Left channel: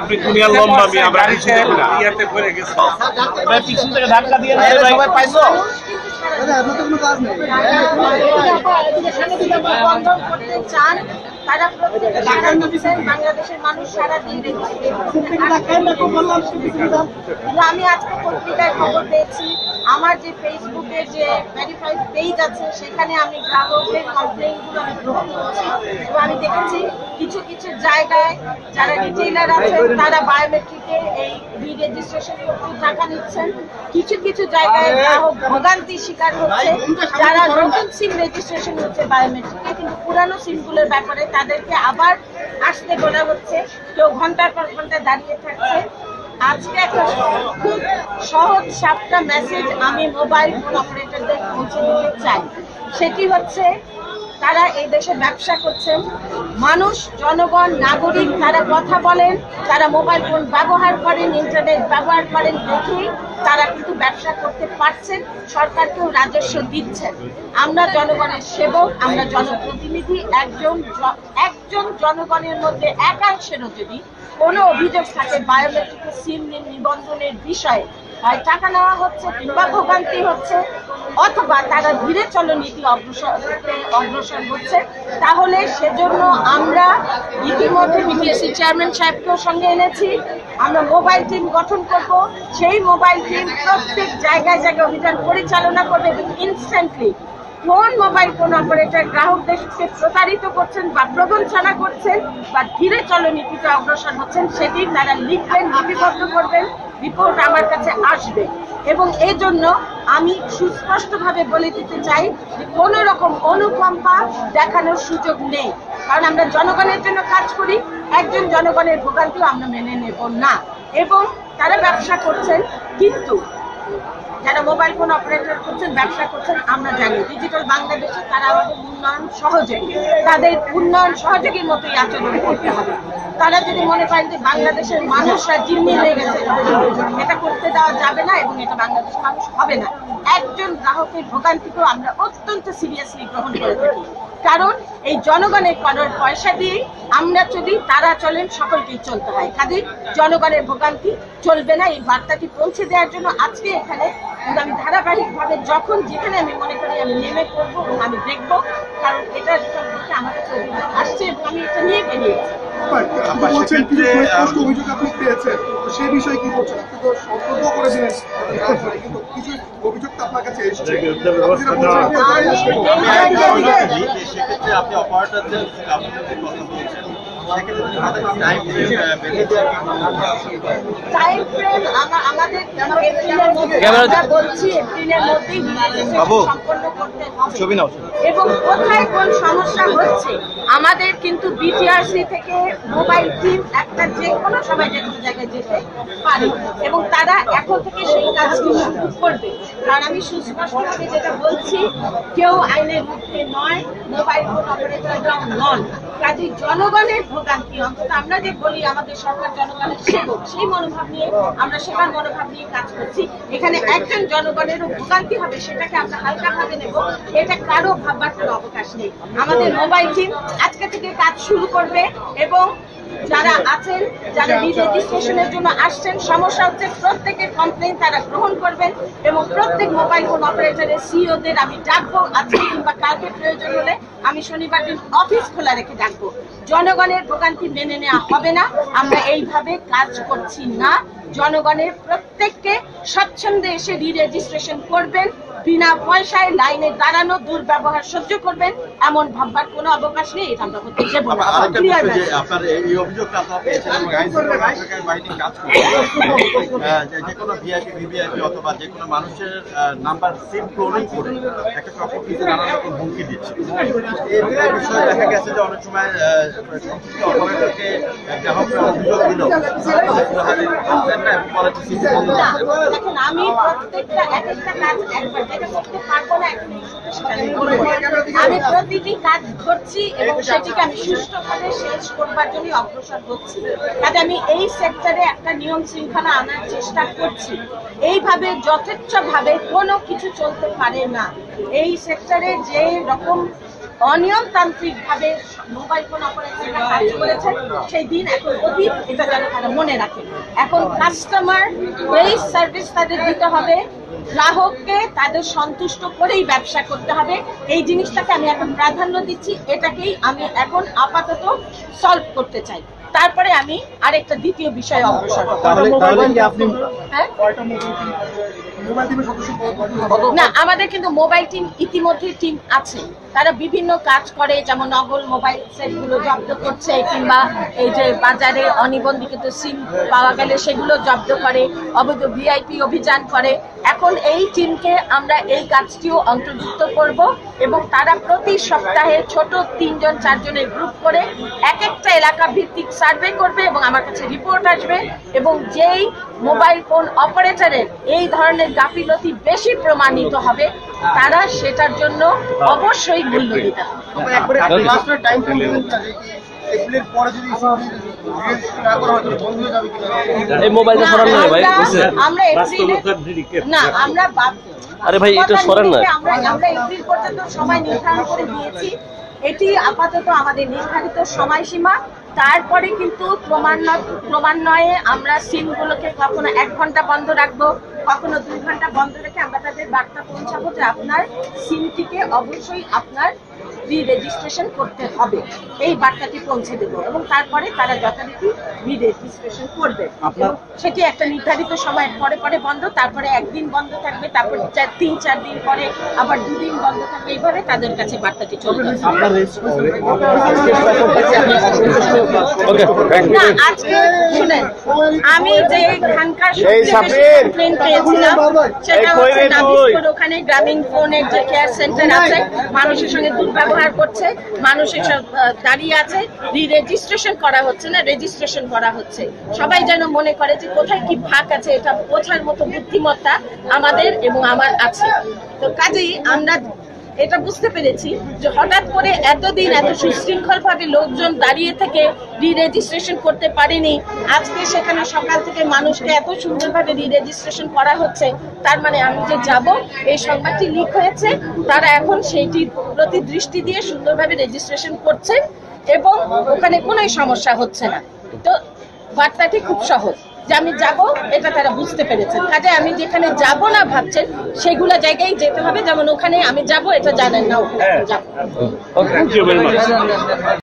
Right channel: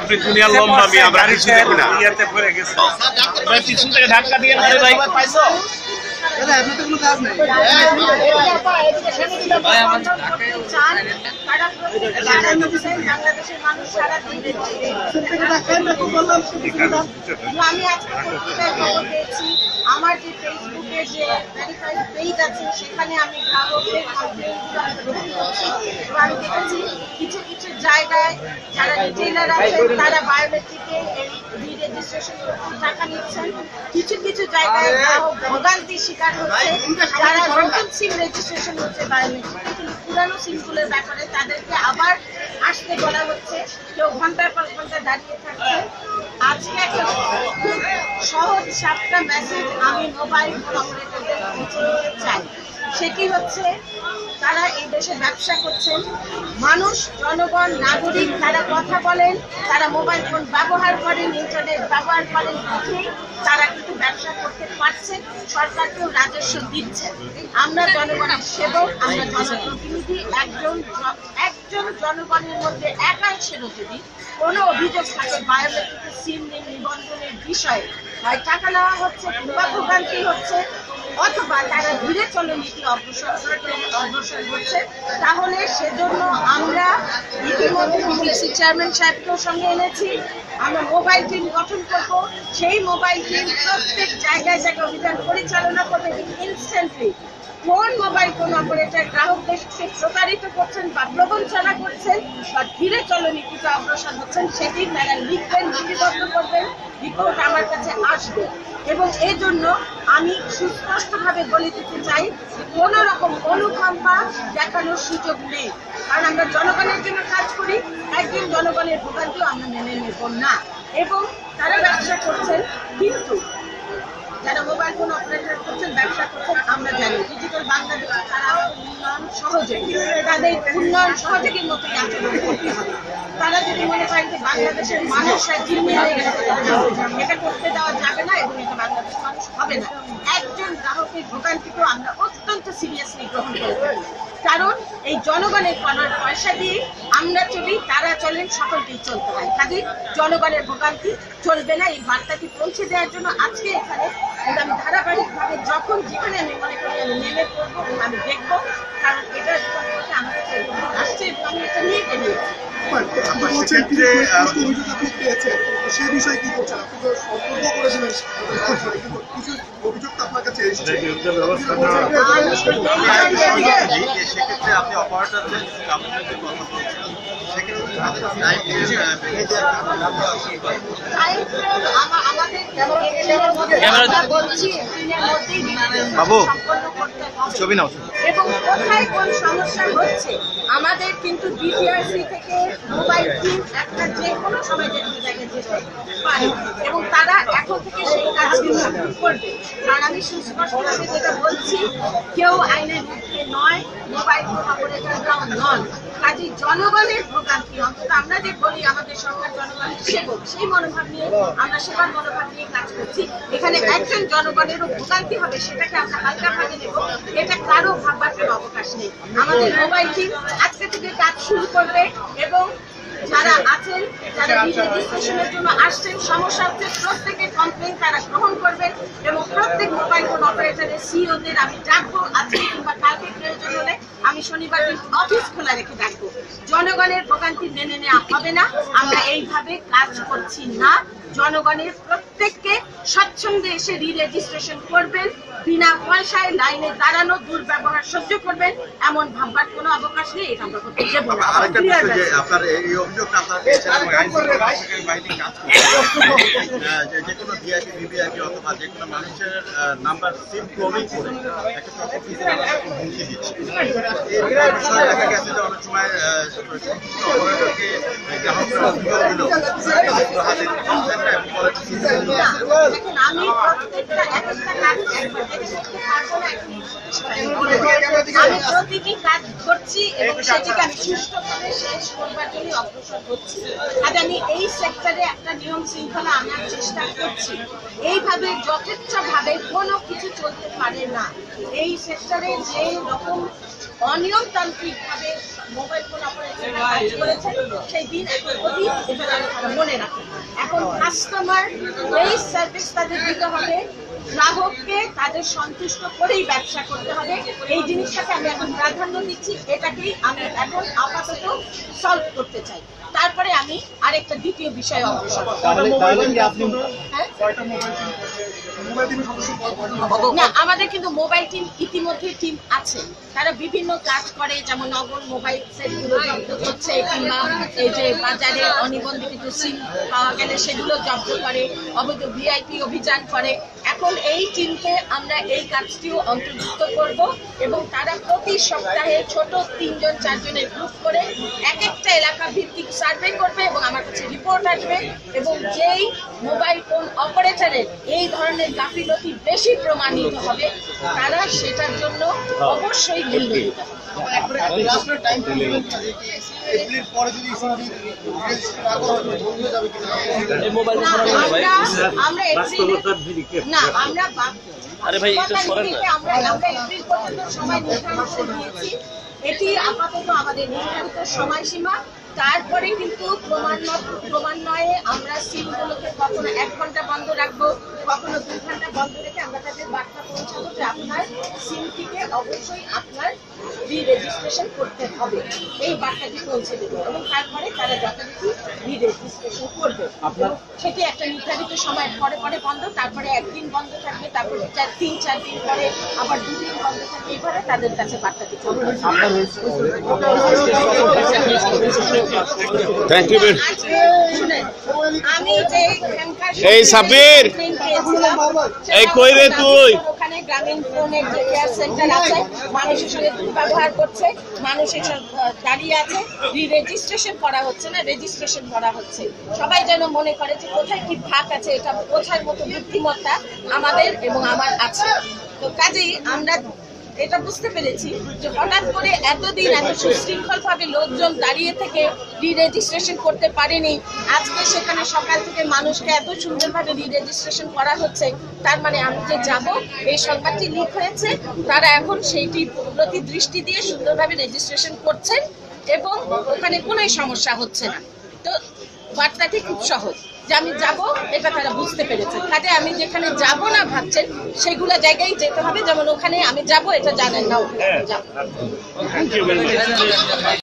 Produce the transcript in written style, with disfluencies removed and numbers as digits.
আপনি দুনিয়ার লম্বা আমি আমরা কিছু দেখি না পিছন থেকে ধাক্কা দিয়ে পাইছো আপনার তো কোনো কাজ নেই বাংলাদেশের মানুষ সারা দিন আমি আজকে পত্রিকায় খবর পেয়েছি আমার যে ফেসবুকে যে ভেরিফাইড পেজ আছে সেখানে আমি গ্রাহকদের কমপ্লেইনগুলো আমি গ্রহণ করছি এবং আমি দেখেছি কিছু কিছু জায়গায় যারা রিটেইলার আছেন তারা বায়োমেট্রিকে এই রি-রেজিস্ট্রেশন করতে টাকা নিচ্ছেন। কিছু কিছু জায়গায় গ্রাহক ভোগান্তির শিকার হচ্ছে যারা নতুন সিম রেজিস্ট্রেশন হচ্ছে বায়োমেট্রিকে, কিন্তু পুরানো সিমগুলোর ব্যাপারে তাদেরকে আবার আসতে বলা হচ্ছে, কেউ ঘন্টার পর ঘন্টা দাঁড়িয়ে থাকছে। আজকে একটা খুব সহজ সাপটা মেসেজ আমি মোবাইল ফোন অপারেটরদের পৌঁছে দিতে চাই। সেটি হচ্ছে তারা এই দেশে ব্যবসা করছেন, মানুষ জনগণ নাগরিক তারা কথা বলেন, তারা মোবাইল ফোন ব্যবহার করেন, ইন্টারনেট ব্যবহার করেন দেখেই তারা কিন্তু ব্যবসা করতে পারছেন, সরকারকেও রাজস্ব দিচ্ছেন। আমরা জনগণের সেবক, আমরা জনপ্রতিনিধি। একজন জনগণের মধ্যে একাংশেরও যদি কোনো অভিযোগ থাকে বায়োমেট্রিক সিম নিবন্ধনের বিষয়ে, হয় টাকা নেওয়া হচ্ছে কিংবা ভোগান্তি হচ্ছে অথবা তারা ধীরে চলো নীতি অগ্রসর হচ্ছে, তাহলে সেজন্য আমরা ইতিমধ্যে বিপিএসসি চেয়ারম্যান সাহেবকেও সঙ্গে এনেছি। আমরা মোবাইল টিম গঠন করব, সেই মোবাইল টিম প্রত্যেক জায়গায় জায়গায় অভিযান পরিচালনা করবে এবং ইনস্ট্যান্টলি কোন মোবাইল ফোন অপারেটর গ্রাহকদেরকে প্রতারিত করছেন বা প্রবঞ্চনা করছেন বা ধীরে চলো নীতিতে অগ্রসর হচ্ছেন সেটি তারা লিখবেন, লিপিবদ্ধ করবেন, রিপোর্ট আমার কাছে আসবে। এবং এই জন্য আমি সুস্পষ্টভাবে বলে দিতে চাই যে কোনো রকম অনুকম্পা দেখানোর সুযোগ নেই, কারণ আমরা জনগণের জন্য কাজ করি, একজন জনগণের ভোগান্তিও আমরা মেনে নেব না। এবং তারা ব্যবসা করছেন, কিন্তু যারা মোবাইল ফোন অপারেটর করছেন, ব্যবসা করছেন, আমরা জানি ডিজিটাল বাংলাদেশে তারা উন্নয়ন সহযোগী, তাদের উন্নয়ন সহযোগীর মতোই আচরণ করতে হবে। তারা যদি মনে করেন যে বাংলাদেশের মানুষরা জিম্মি হয়ে গেছে, এটা করতে দেওয়া যাবে না এবং এটা বাংলাদেশের মানুষ হবে না। একজন গ্রাহকের ভোগান্তিকেও আমরা অত্যন্ত সিরিয়াসলি গ্রহণ করে থাকি, কারণ এই জনগণের করার পয়সা দিয়ে আমরা চলি, তারা চলেন, সকলকেই চলতে হয়, কাজে জনগণের ভোগান্তি চলবে না। এই বার্তাটি পৌঁছে দেওয়ার জন্য আজকে এখানে আমি ধারাবাহিকভাবে যখন যেখানে আমি মনে করি আমি নেমে পড়বো এবং আমি দেখবো, কারণ এটা আমার কাছে আসছে এবং আমি এটা নিয়ে বেরিয়েছি। সেই বিষয়ে কি করছেন? আপনি তো সতর্ক করে দিলেন, কিছু অভিযোগ তো আপনার কাছে এসেছে। সেক্ষেত্রে আপনি অপারেটরদের আপনাদের কথা বলছেন, এবং কোথায় কোন সমস্যা হচ্ছে আমাদের কিন্তু বিটিআরসি থেকে মোবাইল টিম একটা যে কোনো সময় যে কোনো জায়গায় যেতে পারে এবং তারা এখন থেকে সেই কাজটি শুরু করবে। কারণ আমি সুস্পষ্টভাবে যেটা বলছি, কেউ আইনের মুখে নয়, মোবাইল ফোন অপারেটররাও নন। কাজে জনগণের ভোগান্তি, অন্তত আমরা যে বলি আমাদের সরকার জনগণের সেবক, সেই মনোভাব নিয়ে আমরা সেবার মনোভাব নিয়ে কাজ করছি। এখানে একজন জনগণেরও ভোগান্তি হবে সেটাকে আমরা হালকা ভাবে নেব, এটা কারো ভাববার কোনো অবকাশ নেই। আমাদের মোবাইল টিম আজকে থেকে কাজ শুরু করবে এবং যারা আছেন, যারা রি-রেজিস্ট্রেশনের জন্য আসছেন, সমস্যা হচ্ছে প্রত্যেকের কমপ্লেইন তারা গ্রহণ করবেন এবং প্রত্যেক মোবাইল ফোন অপারেটরের সিইওদের আমি ডাকবো, আজকে কিংবা কালকে প্রয়োজন হলে আমি শনিবার দিন অফিস খোলা রেখে ডাকবো। জনগণের ভোগান্তি মেনে নেওয়া হবে না, আমরা এইভাবে কাজ করছি না। জনগণের প্রত্যেককে স্বচ্ছন্দে এসে রি-রেজিস্ট্রেশন করবেন, বিনা পয়সায় লাইনে দাঁড়ানো, দুর্ব্যবহার সহ্য করবেন এমন ভাববার কোনো অবকাশ নেই। এটা আমরা করতে দেব না। আরেকটা বিষয় যে আপনার এই অভিযোগটা আপনারা পেয়েছেন এবং আইন শৃঙ্খলা রক্ষাকারী বাহিনী কাজ করছে যে কোনো ভিআইপি ভিভিআইপি অথবা যে কোনো মানুষের নাম্বার সিম ক্লোনিং করে একটা চক্র দিতে নানা রকম হুমকি দিচ্ছে। এই বিষয়ে দেখা গেছে যে অনেক সময় অপারেটরকে গ্রাহকরা অভিযোগ দিল দেখেন, আমি প্রত্যেকটা এক একটা কাজ একবার যেটা করতে পারবো না, এখন আমি বলবো আমি প্রতিটি কাজ করছি এবং সেটিকে আমি সুষ্ঠুভাবে শেষ করবার জন্য অগ্রসর হচ্ছি। কাজে আমি এই সেক্টরে একটা নিয়ম শৃঙ্খলা আনার চেষ্টা করছি। এইভাবে যথেচ্ছভাবে কোনো কিছু চলতে পারে না। এই সেক্টরে যে রকম অনিয়মতান্ত্রিক ভাবে মোবাইল ফোন অপারেটররা কাজ করেছেন সেই দিন এখন অতীত, এটা যেন তারা মনে রাখে। এখন কাস্টমার বেস সার্ভিস তাদের দিতে হবে, গ্রাহককে তাদের সন্তুষ্ট করেই ব্যবসা করতে হবে। এই জিনিসটাকে আমি এখন প্রাধান্য দিচ্ছি, এটাকেই আমি এখন আপাতত সলভ করতে চাই। তারপরে আমি আরেকটা দ্বিতীয় বিষয়ে অগ্রসর হব। হ্যাঁ, না, আমাদের কিন্তু মোবাইল টিম ইতিমধ্যে টিম আছে, তারা বিভিন্ন কাজ করে, যেমন নকল মোবাইল সেটগুলো জব্দ করছে কিংবা এই যে বাজারে অনিবন্ধিত সিম পাওয়া গেলে সেগুলো জব্দ করে, অবৈধ ভিআইপি অভিযান করে। এখন এই টিমকে আমরা এই কাজটিও অন্তর্ভুক্ত করব এবং তারা প্রতি সপ্তাহে ছোট 3 জন 4 জনের গ্রুপ করে এক একটা এলাকা ভিত্তিক সার্ভে করবে এবং আমার কাছে রিপোর্ট আসবে এবং যেই মোবাইল ফোন অপারেটরের এই ধরনের গাফিলতি বেশি প্রমাণিত হবে তারা সেটার জন্য অবশ্যই মূল্য দিতে হবে। আমরা এপ্রিল পর্যন্ত সময় নির্ধারণ করে দিয়েছি। এটি আপাতত আমাদের নির্ধারিত সময়সীমা। তারপরে কিন্তু ক্রমান্বয়ে আমরা সিমগুলোকে কখনো 1 ঘন্টা বন্ধ রাখবো, কখনো 2 ঘন্টা বন্ধ রেখে আমরা তাদের বার্তা পৌঁছাবো যে আপনার সিমটিকে অবশ্যই আপনার রি-রেজিস্ট্রেশন করতে হবে, এই বার্তাটি পৌঁছে দেবো এবং তারপরে তারা যথারীতি রি-রেজিস্ট্রেশন করবে। সেটি একটা নির্ধারিত সময়ের পরে পরে বন্ধ, তারপরে 1 দিন বন্ধ থাকবে, তারপর 3-4 দিন পরে আবার 2 দিন বন্ধ থাকবে। এইভাবে তাদের কাছে বার্তাটি চলবে। আজকে শুনেন, আমি যে এখানকার ওখানে গ্রামীণ ফোনের যে কেয়ার সেন্টার আছে, মানুষের সঙ্গে দুর্ব্যবহার করছে, মানুষ এসব দাঁড়িয়ে আছে, রি-রেজিস্ট্রেশন করা হচ্ছে না, রেজিস্ট্রেশন করা হচ্ছে। সবাই যেন মনে করে যে কোথায় কি ফাঁক আছে, এটা বোঝার মতো বুদ্ধিমত্তা আমাদের এবং আমার আছে। তো কাজেই আমরা এটা বুঝতে পেরেছি যে হঠাৎ করে এতদিন এত সুশৃঙ্খল ভাবে লোকজন দাঁড়িয়ে থেকে রি-রেজিস্ট্রেশন করতে পারেনি, আজকে সেখানে সকাল থেকে মানুষকে এত সুন্দরভাবে রি-রেজিস্ট্রেশন করা হচ্ছে। তার মানে আমি যে যাব, এই সংবাদটি লিক হয়েছে, তারা এখন সেইটির প্রতি দৃষ্টি দিয়ে সুন্দরভাবে রেজিস্ট্রেশন করছেন এবং ওখানে কোনো সমস্যা হচ্ছে না। তো বার্তাটি খুব সহজ যে আমি যাব, এটা তারা বুঝতে পেরেছেন। কাজে আমি যেখানে যাব না ভাবছেন সেগুলো জায়গায় যেতে হবে, যেমন ওখানে আমি যাব এটা জানেন না, ওখানে যাব।